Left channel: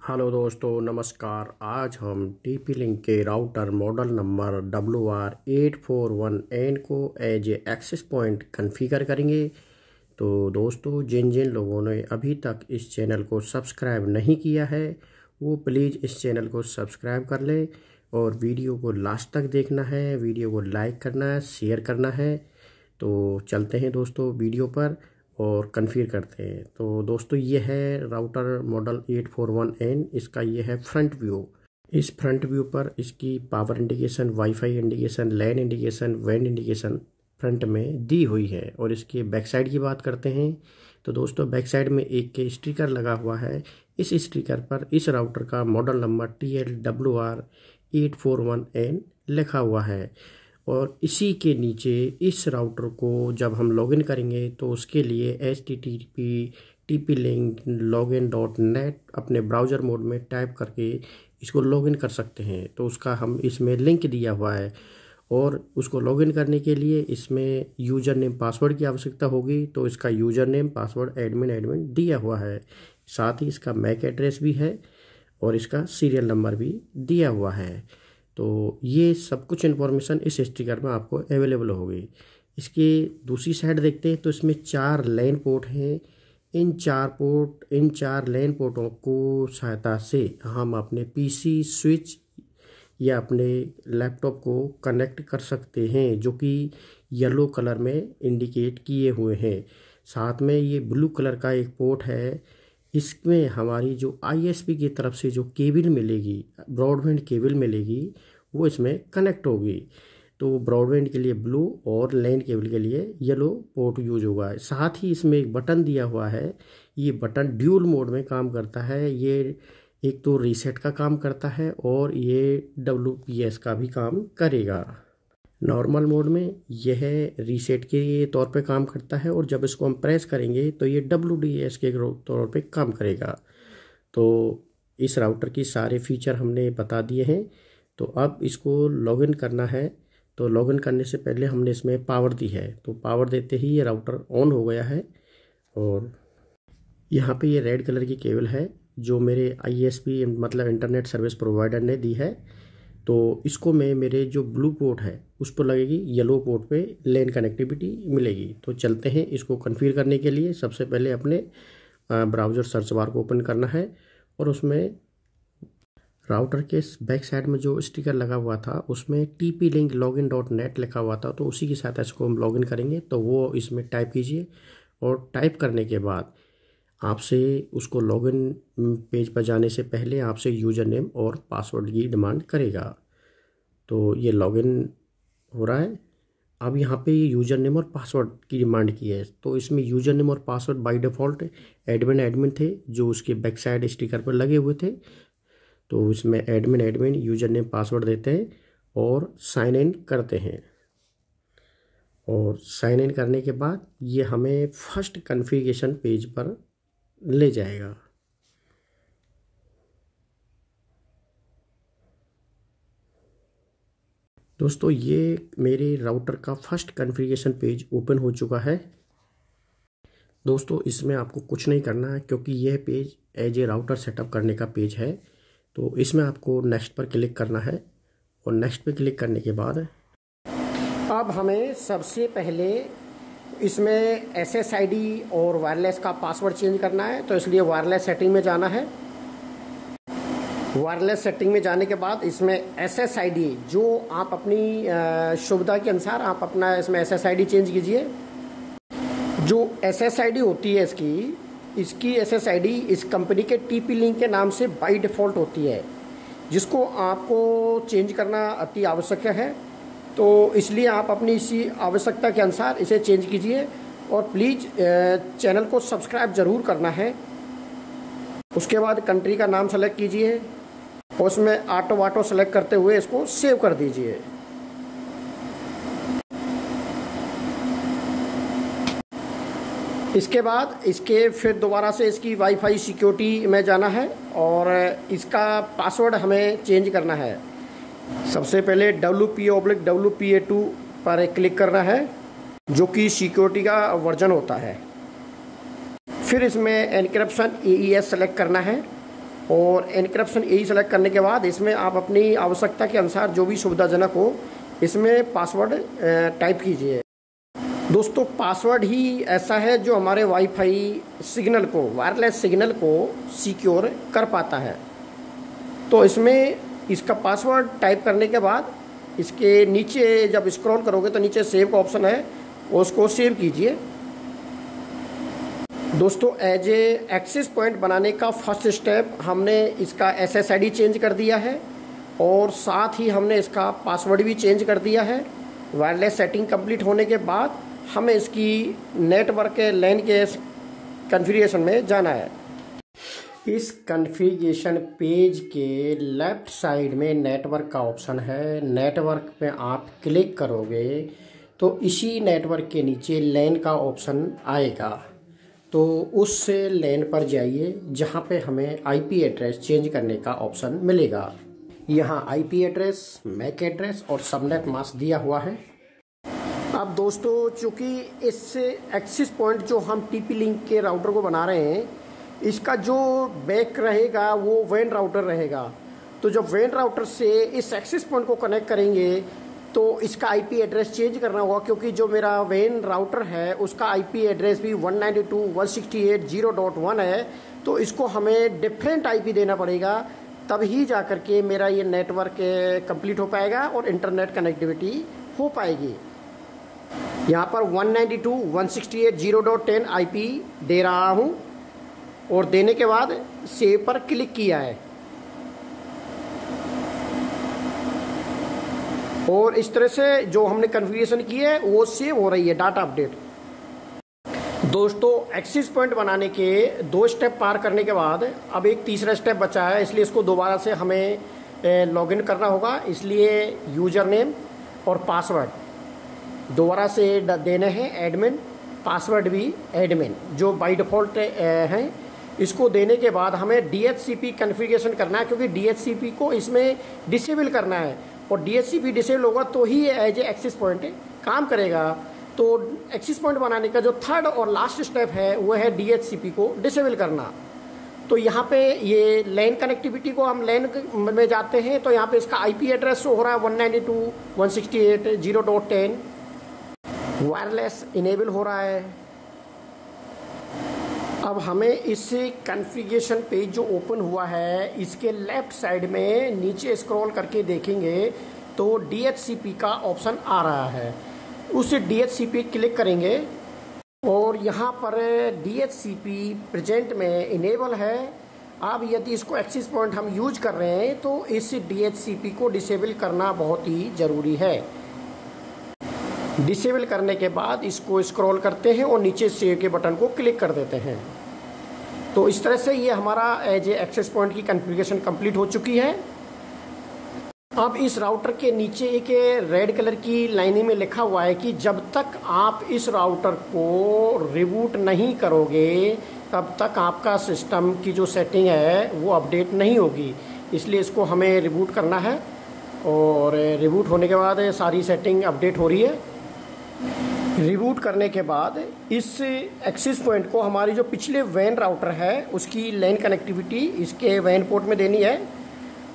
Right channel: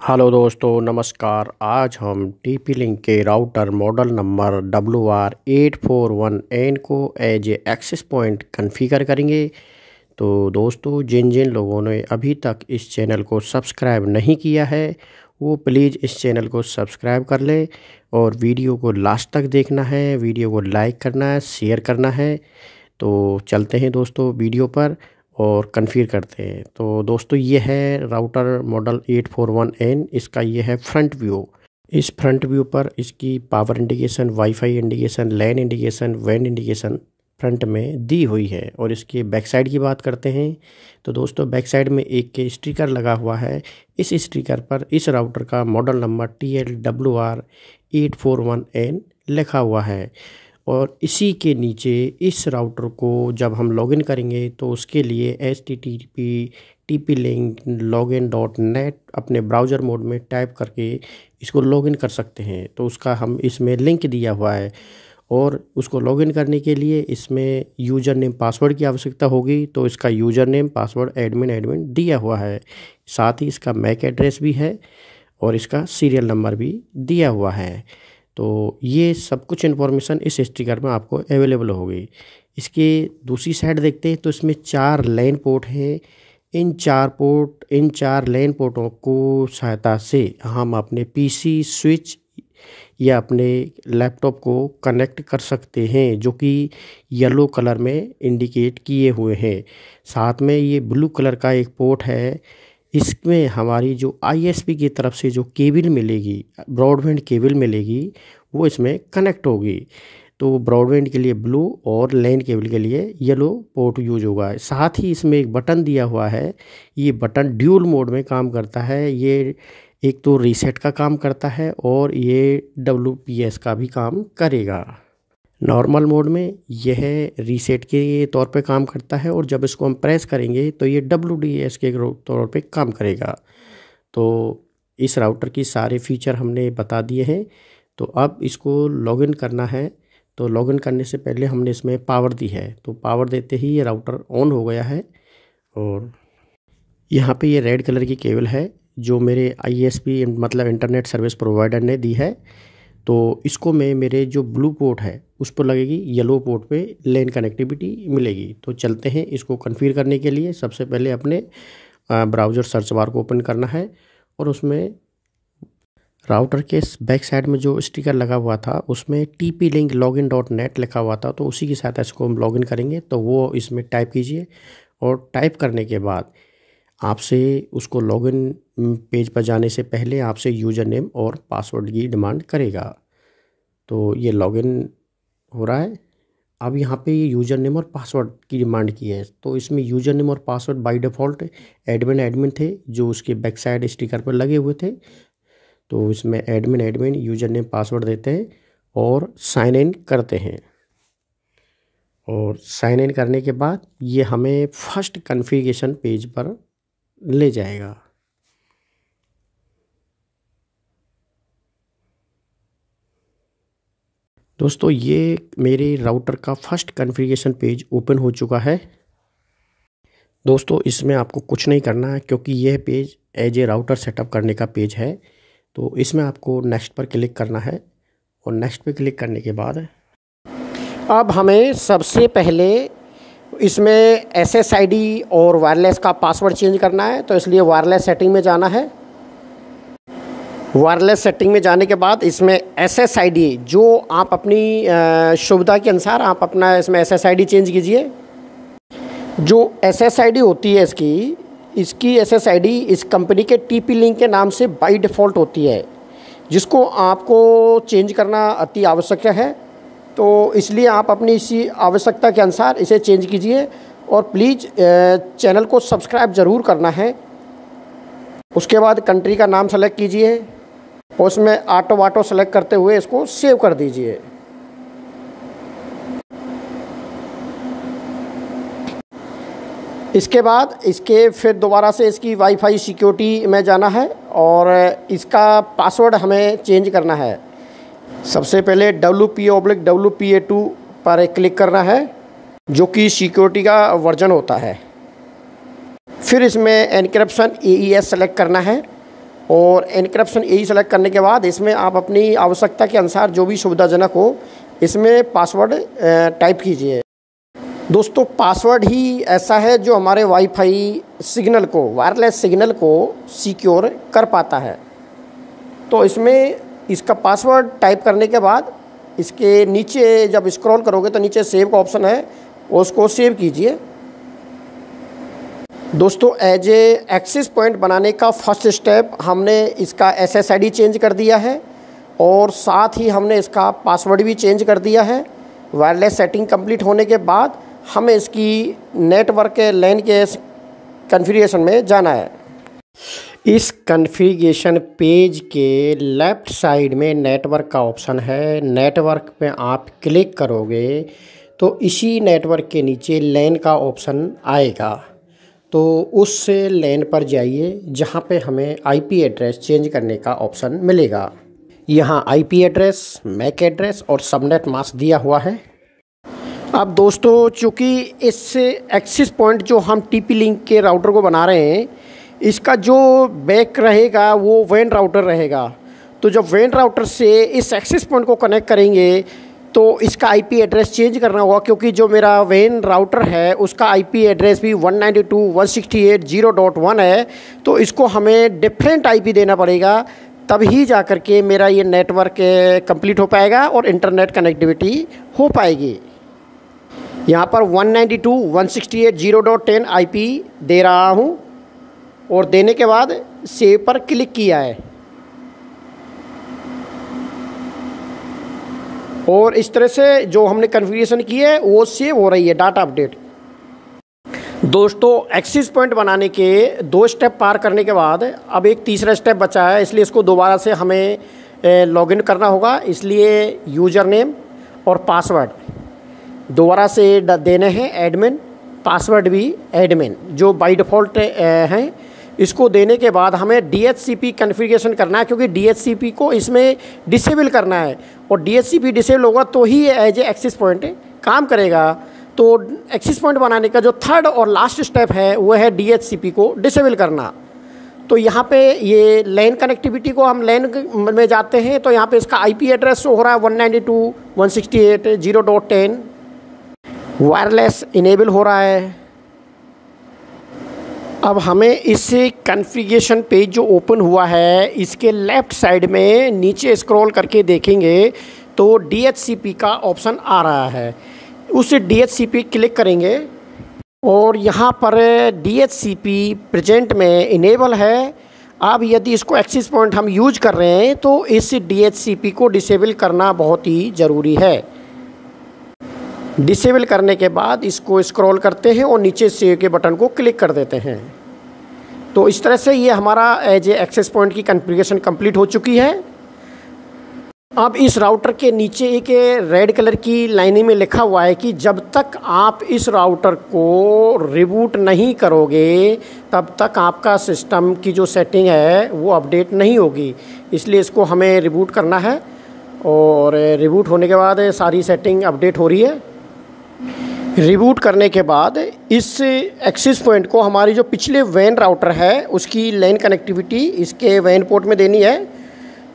Hello दोस्तों, नमस्कार। आज हम टीपी लिंक के राउटर मॉडल नंबर WR841N को as a access point configure करेंगे। तो दोस्तों, जिन जिन लोगों ने अभी तक इस चैनल को सब्सक्राइब नहीं किया है वो प्लीज़ इस चैनल को सब्सक्राइब कर लें और वीडियो को लास्ट तक देखना है, वीडियो को लाइक करना है, शेयर करना है। तो चलते हैं दोस्तों वीडियो पर और कन्फिगर करते हैं। तो दोस्तों, ये है राउटर मॉडल 841N। इसका ये है फ्रंट व्यू। इस फ्रंट व्यू पर इसकी पावर इंडिकेशन, वाईफाई इंडिकेशन, लैन इंडिकेशन, वैन इंडिकेशन फ्रंट में दी हुई है। और इसके बैक साइड की बात करते हैं तो दोस्तों, बैक साइड में एक के स्टिकर लगा हुआ है। इस स्टिकर पर इस राउटर का मॉडल नंबर TLWR841N लिखा हुआ है। और इसी के नीचे इस राउटर को जब हम लॉगिन करेंगे तो उसके लिए http://tplink/login.net अपने ब्राउज़र मोड में टाइप करके इसको लॉगिन कर सकते हैं। तो उसका हम इसमें लिंक दिया हुआ है और उसको लॉगिन करने के लिए इसमें यूज़र नेम पासवर्ड की आवश्यकता होगी। तो इसका यूज़र नेम पासवर्ड एडमिन दिया हुआ है। साथ ही इसका मैक एड्रेस भी है और इसका सीरियल नंबर भी दिया हुआ है। तो ये सब कुछ इन्फॉर्मेशन इस स्टिकर में आपको अवेलेबल होगी। इसके दूसरी साइड देखते हैं तो इसमें 4 लैन पोर्ट हैं। इन चार लैन पोर्टों को सहायता से हम अपने पीसी स्विच या अपने लैपटॉप को कनेक्ट कर सकते हैं, जो कि येलो कलर में इंडिकेट किए हुए हैं। साथ में ये ब्लू कलर का एक पोर्ट है। इसमें हमारी जो ISP की तरफ से जो केबल मिलेगी, ब्रॉडबैंड केबल मिलेगी, वो इसमें कनेक्ट होगी। तो ब्रॉडबैंड के लिए ब्लू और लैन केबल के लिए येलो पोर्ट यूज होगा। साथ ही इसमें एक बटन दिया हुआ है। ये बटन ड्यूल मोड में काम करता है। ये एक तो रीसेट का काम करता है और ये WPS का भी काम करेगा। नॉर्मल मोड में यह रीसेट के तौर पे काम करता है और जब इसको हम प्रेस करेंगे तो ये WDS के तौर पे काम करेगा। तो इस राउटर की सारे फीचर हमने बता दिए हैं। तो अब इसको लॉगिन करना है। तो लॉगिन करने से पहले हमने इसमें पावर दी है। तो पावर देते ही ये राउटर ऑन हो गया है। और यहाँ पे ये रेड कलर की केबल है जो मेरे ISP मतलब इंटरनेट सर्विस प्रोवाइडर ने दी है। तो इसको मैं मेरे जो ब्लू पोर्ट है उस पर लगेगी, येलो पोर्ट पे लैन कनेक्टिविटी मिलेगी। तो चलते हैं इसको कॉन्फ़िगर करने के लिए। सबसे पहले अपने ब्राउज़र सर्च बार को ओपन करना है और उसमें राउटर के बैक साइड में जो स्टिकर लगा हुआ था उसमें TP-link/login.net लिखा हुआ था। तो उसी की सहायता से इसको हम लॉगिन करेंगे। तो वो इसमें टाइप कीजिए और टाइप करने के बाद आपसे उसको लॉगिन पेज पर जाने से पहले आपसे यूज़र नेम और पासवर्ड की डिमांड करेगा। तो ये लॉगिन हो रहा है। अब यहाँ पे ये यूज़र नेम और पासवर्ड की डिमांड की है। तो इसमें यूज़र नेम और पासवर्ड बाय डिफ़ॉल्ट एडमिन थे जो उसके बैक साइड स्टिकर पर लगे हुए थे। तो इसमें एडमिन यूज़र नेम पासवर्ड देते हैं और साइन इन करते हैं। और साइन इन करने के बाद ये हमें फर्स्ट कॉन्फ़िगरेशन पेज पर ले जाएगा। दोस्तों, ये मेरे राउटर का फर्स्ट कॉन्फ़िगरेशन पेज ओपन हो चुका है। दोस्तों, इसमें आपको कुछ नहीं करना है क्योंकि यह page as a router setup करने का पेज है। तो इसमें आपको नेक्स्ट पर क्लिक करना है और नेक्स्ट पे क्लिक करने के बाद अब हमें सबसे पहले इसमें SSID और वायरलेस का पासवर्ड चेंज करना है। तो इसलिए वायरलेस सेटिंग में जाना है। वायरलेस सेटिंग में जाने के बाद इसमें SSID जो आप अपनी सुविधा के अनुसार आप अपना इसमें SSID चेंज कीजिए। जो SSID होती है इसकी SSID इस कंपनी के TP-Link के नाम से बाय डिफ़ॉल्ट होती है, जिसको आपको चेंज करना अति आवश्यक है। तो इसलिए आप अपनी इसी आवश्यकता के अनुसार इसे चेंज कीजिए और प्लीज़ चैनल को सब्सक्राइब ज़रूर करना है। उसके बाद कंट्री का नाम सेलेक्ट कीजिए और उसमें ऑटो सेलेक्ट करते हुए इसको सेव कर दीजिए। इसके बाद फिर दोबारा से इसकी वाईफाई सिक्योरिटी में जाना है और इसका पासवर्ड हमें चेंज करना है। सबसे पहले WPA/WPA2 पर क्लिक करना है, जो कि सिक्योरिटी का वर्जन होता है। फिर इसमें एन्क्रिप्शन AES सेलेक्ट करना है और एनक्रिप्शन यही सेलेक्ट करने के बाद इसमें आप अपनी आवश्यकता के अनुसार जो भी सुविधाजनक हो इसमें पासवर्ड टाइप कीजिए। दोस्तों पासवर्ड ही ऐसा है जो हमारे वाईफाई सिग्नल को, वायरलेस सिग्नल को सिक्योर कर पाता है। तो इसमें इसका पासवर्ड टाइप करने के बाद इसके नीचे जब स्क्रॉल करोगे तो नीचे सेव का ऑप्शन है, उसको सेव कीजिए। दोस्तों एज ए एक्सेस पॉइंट बनाने का फर्स्ट स्टेप हमने इसका SSID चेंज कर दिया है और साथ ही हमने इसका पासवर्ड भी चेंज कर दिया है। वायरलेस सेटिंग कंप्लीट होने के बाद हमें इसकी नेटवर्क के LAN के कॉन्फ़िगरेशन में जाना है। इस कॉन्फ़िगरेशन पेज के लेफ़्ट साइड में नेटवर्क का ऑप्शन है। नेटवर्क पे आप क्लिक करोगे तो इसी नेटवर्क के नीचे LAN का ऑप्शन आएगा, तो उससे LAN पर जाइए जहाँ पे हमें IP एड्रेस चेंज करने का ऑप्शन मिलेगा। यहाँ IP एड्रेस, MAC एड्रेस और सबनेट मास्क दिया हुआ है। अब दोस्तों चूँकि इससे एक्सेस पॉइंट जो हम TP-Link के राउटर को बना रहे हैं, इसका जो बैक रहेगा वो WAN राउटर रहेगा। तो जब WAN राउटर से इस एक्सेस पॉइंट को कनेक्ट करेंगे तो इसका IP एड्रेस चेंज करना होगा, क्योंकि जो मेरा WAN राउटर है उसका IP एड्रेस भी 192.168.0.1 है। तो इसको हमें डिफरेंट IP देना पड़ेगा, तभी जा कर के मेरा ये नेटवर्क कंप्लीट हो पाएगा और इंटरनेट कनेक्टिविटी हो पाएगी। यहाँ पर 192.168.0.10 IP दे रहा हूँ और देने के बाद सेव पर क्लिक किया है और इस तरह से जो हमने कॉन्फ़िगरेशन की है वो सेव हो रही है डाटा अपडेट। दोस्तों एक्सेस पॉइंट बनाने के 2 स्टेप पार करने के बाद अब एक तीसरा स्टेप बचा है, इसलिए इसको दोबारा से हमें लॉगिन करना होगा। इसलिए यूज़र नेम और पासवर्ड दोबारा से देने हैं, एडमिन, पासवर्ड भी एडमिन जो बाय डिफ़ॉल्ट हैं। इसको देने के बाद हमें DHCP कॉन्फ़िगरेशन करना है, क्योंकि DHCP को इसमें डिसेबल करना है और DHCP डिसेबल होगा तो ही एज ए एक्सेस पॉइंट काम करेगा। तो एक्सेस पॉइंट बनाने का जो थर्ड और लास्ट स्टेप है वो है DHCP को डिसेबल करना। तो यहाँ पे ये LAN कनेक्टिविटी को हम LAN में जाते हैं, तो यहाँ पे इसका IP एड्रेस हो रहा है 192.168.0.10, वायरलेस इनेबल हो रहा है। अब हमें इस कॉन्फ़िगरेशन पेज जो ओपन हुआ है इसके लेफ़्ट साइड में नीचे स्क्रॉल करके देखेंगे तो DHCP का ऑप्शन आ रहा है। उस DHCP क्लिक करेंगे और यहाँ पर DHCP प्रेजेंट में इनेबल है। अब यदि इसको एक्सेस पॉइंट हम यूज कर रहे हैं तो इस DHCP को डिसेबल करना बहुत ही ज़रूरी है। डिसेबल करने के बाद इसको स्क्रॉल करते हैं और नीचे सेव के बटन को क्लिक कर देते हैं। तो इस तरह से ये हमारा एज ए एक्सेस पॉइंट की कॉन्फ़िगरेशन कंप्लीट हो चुकी है। अब इस राउटर के नीचे एक रेड कलर की लाइनिंग में लिखा हुआ है कि जब तक आप इस राउटर को रिबूट नहीं करोगे तब तक आपका सिस्टम की जो सेटिंग है वो अपडेट नहीं होगी। इसलिए इसको हमें रिबूट करना है और रिबूट होने के बाद सारी सेटिंग अपडेट हो रही है। रिबूट करने के बाद इस एक्सेस पॉइंट को हमारी जो पिछले WAN राउटर है उसकी LAN कनेक्टिविटी इसके WAN पोर्ट में देनी है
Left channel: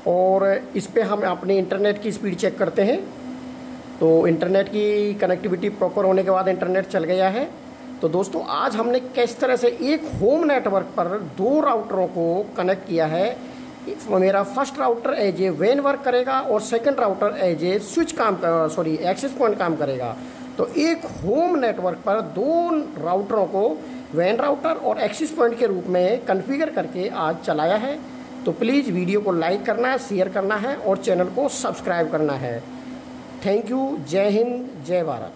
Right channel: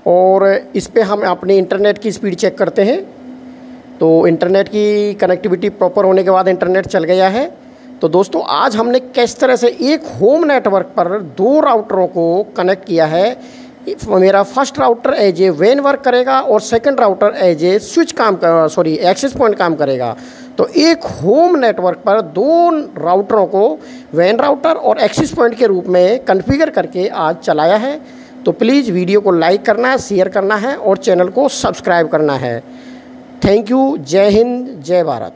और इस पे हम अपने इंटरनेट की स्पीड चेक करते हैं। तो इंटरनेट की कनेक्टिविटी प्रॉपर होने के बाद इंटरनेट चल गया है। तो दोस्तों आज हमने किस तरह से एक होम नेटवर्क पर 2 राउटरों को कनेक्ट किया है। मेरा first router as a WAN work करेगा और second router as a switch access point काम करेगा। तो एक होम नेटवर्क पर 2 राउटरों को WAN राउटर और एक्सेस पॉइंट के रूप में कॉन्फ़िगर करके आज चलाया है। तो प्लीज़ वीडियो को लाइक करना है, शेयर करना है और चैनल को सब्सक्राइब करना है। Thank you. जय हिंद, जय भारत।